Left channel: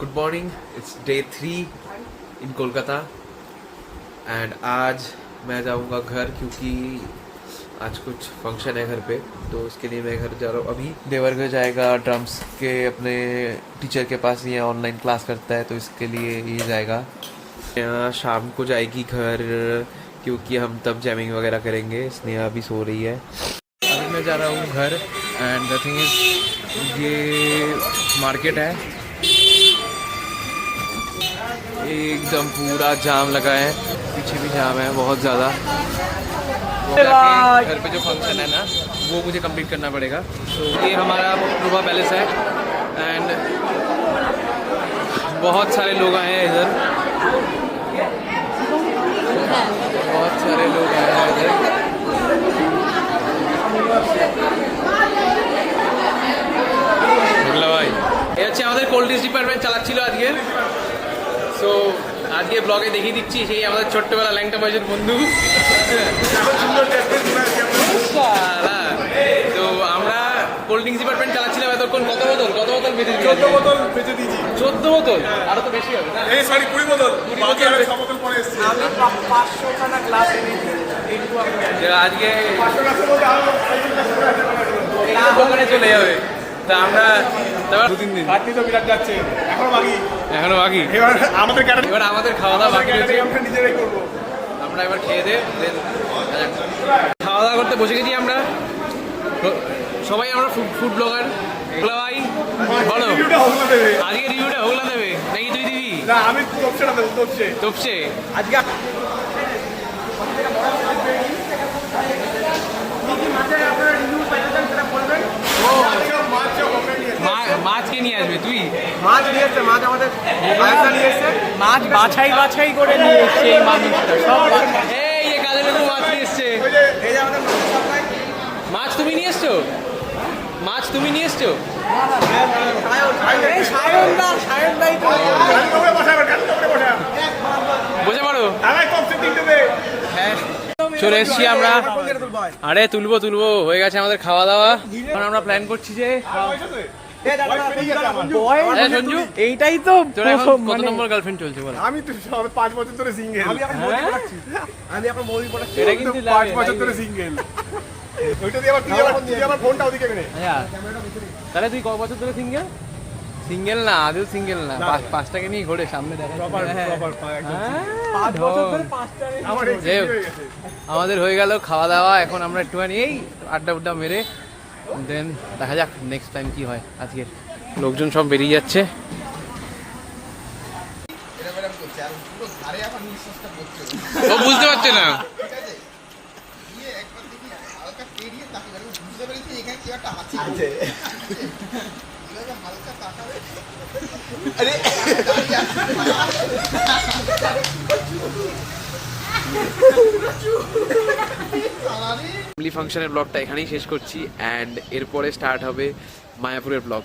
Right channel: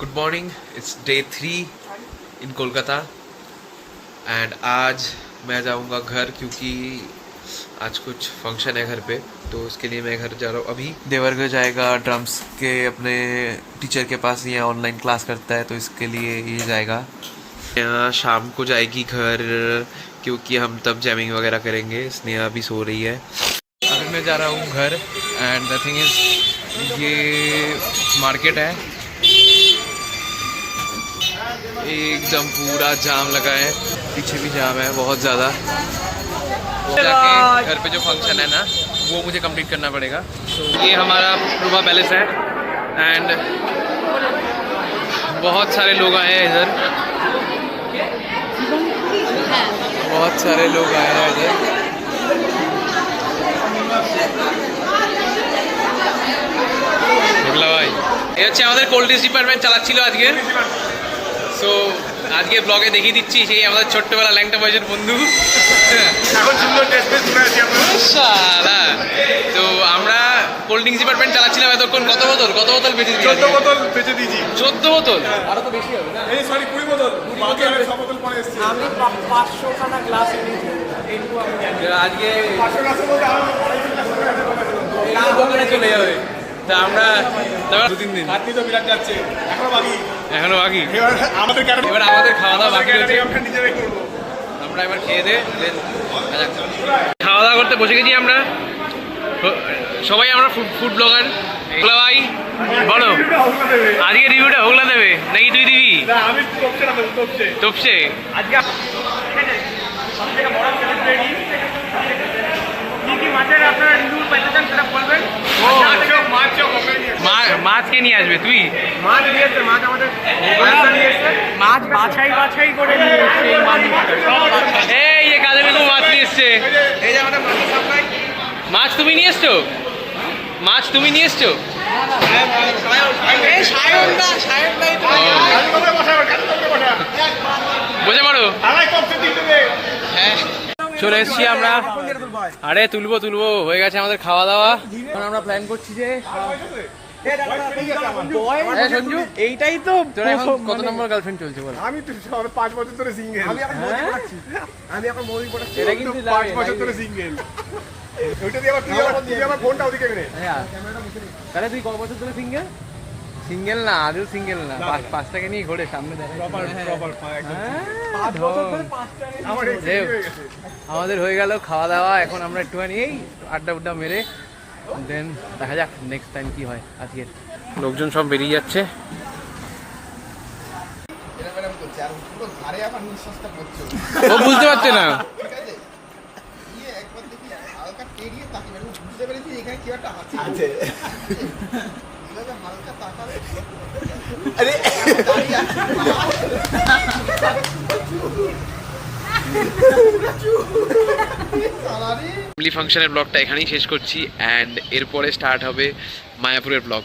Good morning, it's day 3 in Kolkata and आज मैं जाऊंगा घर क्योंकि आज कुछ फंक्शन है घर पे, तो इसके लिए मैं घर जा रहा हूँ। अभी देवरगढ़ जाएगा ड्रम्स के अपने टीचर के पास, ये ऑनलाइन क्लास करता है तो इसके लिए ये जाएगा। यहाँ शाम को जाएगी घर क्योंकि हम तब जैमिंग वगैरह करेंगे। स्नेहा अभी सो रही है। अभी मैं जा रहा हूँ घर एंड द थिंग इज़ ये मार्केट है, एकदम पूरा जाम लगा है, पीछे भी जाम है बहुत ज़्यादा। जाके घर पे जो फंक्शन है ना वो मुझे कंप्लीट करना पड़ेगा। ये हमारा प्रभा पैलेस है एंड बहुत सारे लोग आए हैं इधर, बहुत सारे लोग आए हैं इधर। ভাই এই হচ্ছে আমাদের কোল্ড ড্রিঙ্কস ডিপার্টমেন্ট চালাচ্ছিল আজকে। সো আজকে ব্লগে দেখিয়ে দিচ্ছি সেই আমাদের ছোট্টবেলা ল্যাংটা বয়সের বন্ধু। তো আমরা কোল্ড ড্রিঙ্কস ডিপার্টমেন্ট চালাচ্ছিলাম এতক্ষণ। কত বোতল বেঁচে দিয়েছি? 14 বোতল বেঁচে দিয়েছি। 14 বোতল? আরো তো বেশি হবে না? এই সরি 20 বোতল। বাকি আর 6 বোতল পরে এসেছে। আমি 500 খানা গ্লাস এনেছি। এইটুকু আমি জানি। আজকে 500 গ্লাসের মধ্যে আরো 250 গ্লাস করে আছে না দোকানে চলে যাবে। তা আমরা তারপর 2-3 দিন খাটনি তো বিরাট যাচ্ছে। এখনো বাকি। এবার আমাদের খাওয়া দাওয়া বাকি রয়েছে। আমরা নিজেরাই করব। আমরা এবার খেয়ে দে দেন খাওয়া দাওয়া করতে বসে গেছি আমরা সবাই। আমরা ফুড ব্লগার। ভাই বলো আজকে রিভিউটা হোগলা দেবে নাকি তুই দিবি? না আমি তপসে না দেব, তপসে আজকে সবথেকে বড় সেলিব্রিটি কি মাছের আপনারা রিভিউ পেতে চান সেটা বলবেন। মাছ কে নিয়ে আসবে? তুই মাছ নিয়ে এসছে, মাছ আমাদের নিয়ে এসছে, মাছ বাছাই করে নিয়ে এসছে। এই মাছ এই যে কাজে লেগু মাছ নিয়ে এসছে। মাছ তুমি নিয়ে এসছো? মাছ তুমি নিয়ে এসছো? বসে পড়ো। চলে এসছি আমরা। আরে তুলবো হয়ে গেছে আমাদের খাওয়া দাওয়া। এখন আমরা প্ল্যান করছি যে সঞ্জু এইটাই তো তোর এখন কত নম্বর গার্লফ্রেন্ড চলছে বল? আমি তো 5 বছর ধরে সিঙ্গেল। আমি এখন মুভি পড়াচ্ছি। এটা কিন্তু 5 বছর ধরে সিঙ্গেল। ওইটা দিয়ে তুই আমার ফোনটা ওদিকে নে। আচ্ছা তাহলে তুই কত বছর ধরে সিঙ্গেল? সিঙ্গেল না, আদৌ সিঙ্গেল না, পাঁচটাকে নিয়ে ঘোরে সামনে দেখা। আমাদের হয়ে গেল খাওয়া দাওয়া। এখন আমরা একটুখানি এই আড্ডা মেরে দেন দেখা যাক নেক্সট টাইম কি হয়। আজকে লোকজন সব বেরিয়ে যাচ্ছে। ও বুঝতে পারছে না। ফ্যামিলি ফাংশনের ব্লগটা এখানেই শেষ করছি অ্যান্ড এরপরে স্টার্ট হবে মায়াপুরের ব্লগ।